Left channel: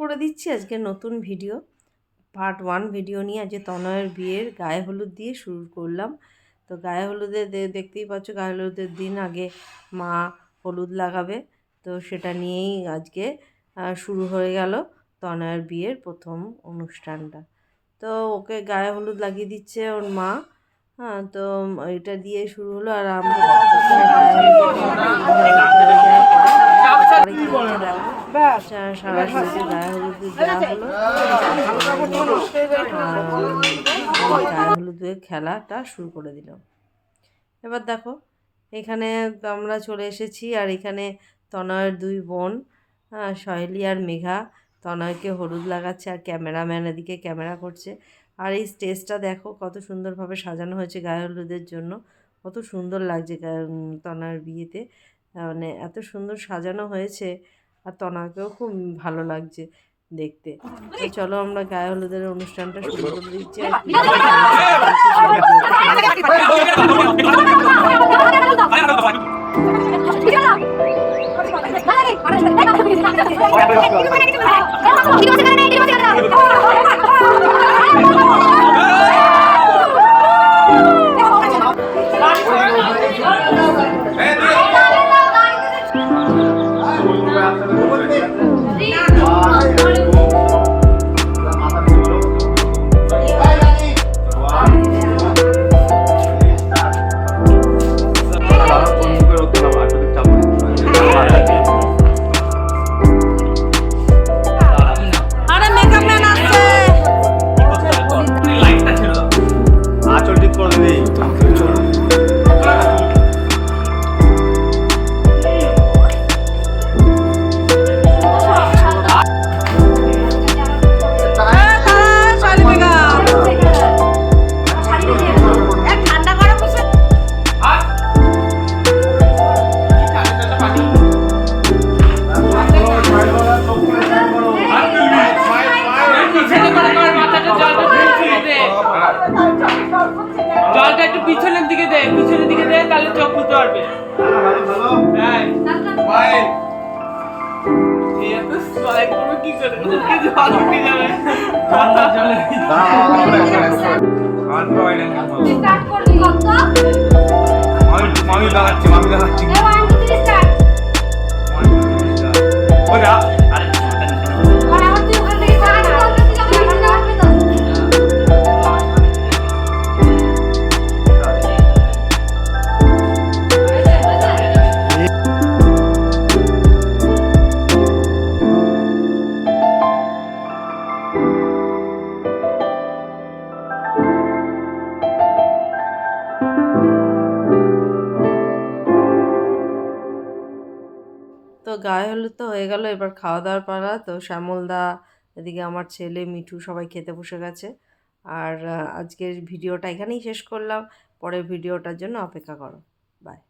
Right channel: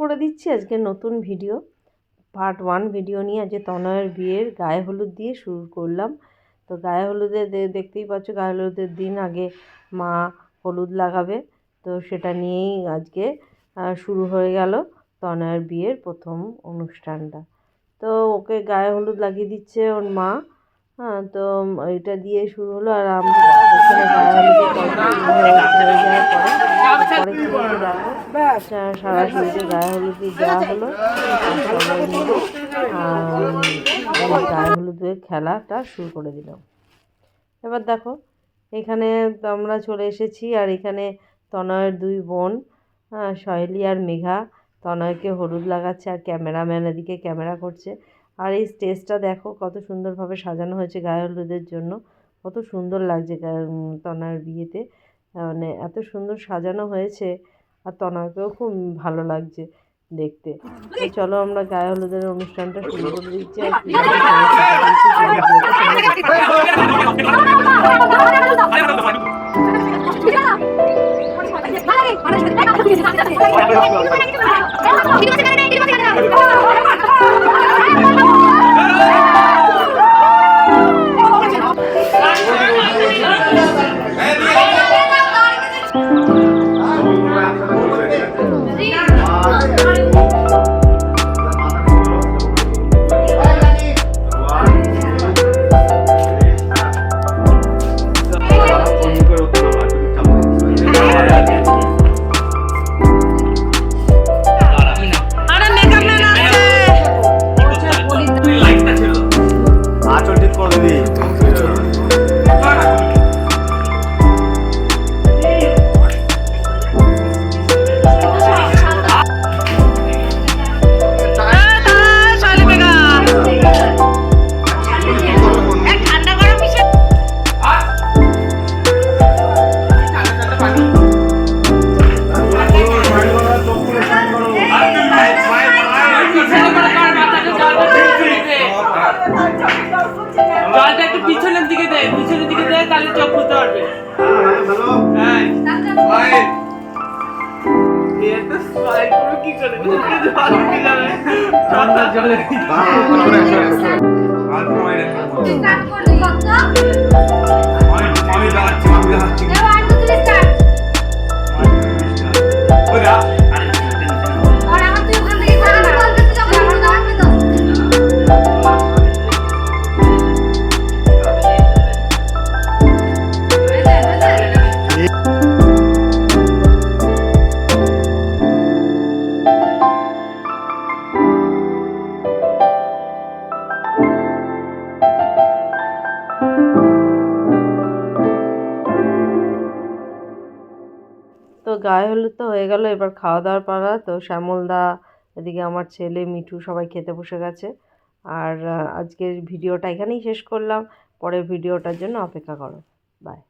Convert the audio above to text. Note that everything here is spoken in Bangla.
করে দিচ্ছি আজকে নতুন ভিডিও, পার্ট 1 ভিডিও নিয়ে। আজকে তনয়ের বিয়ের গায়ে হলুদ দিয়ে শুরু করলাম। তো গায়ে হলুদে দেখতেই পাচ্ছ, গায়ে হলুদের দিন আগে মা হলুদ লাগাবে, তো সেটা নিয়েই আজকে শুরু হয়ে গেল তনয়ের বিয়ের প্রথম অনুষ্ঠানটা। তো ওকে গায়ে হলুদ লাগিয়ে দিচ্ছে ওর মা। হ্যাঁ, তো এটা দিয়ে শুরু হলো। আর আমরা ওখানে গায়ে হলুদ হয়ে যাওয়ার পরে কী হচ্ছে দেখো, সারা শরীরে গায়ে হলুদ দেওয়া হলো। সবাই মিলে গায়ে হলুদের খেলাটা শুরু করে দিলাম। এবার দেখো এখানে আমরা চলে এসেছি, আর এখানে তনয়ের 2 বোন সহেলি আর মেঘা তনয়কে হলুদ লাগাচ্ছে, আর ক্যামেরাম্যান এদিকে ক্যামেরা করছে। আর এই স্টেজটা দেখো কত সুন্দরভাবে সাজানো হয়েছে গায়ে হলুদের জন্য, কত সুন্দর লাগছে তনয়ের বিয়েতে, মানে এত সুন্দর সাজানো হয়েছে। আর তনয়কেও খুব ভালো লাগছে দেখতে। তো চলো আমরা গায়ে হলুদের অনুষ্ঠানটা শুরু করে দিচ্ছি। জলটা একটু পিছনের দিকে দে, তাহলে চোখ খুলতে পারবে। কি করে তো গায়ে হলুদ তো হয়ে গেল, এবার খাওয়া দাওয়ার পালা। তো শ্যামলদা এদিকে আমার ছেলে মিঠু সবাই খেতে বসে গেছে। আর আজকের ভিডিওটা এখানেই শেষ করলাম, পরের ভিডিওটার জন্য অপেক্ষা করো। বাই।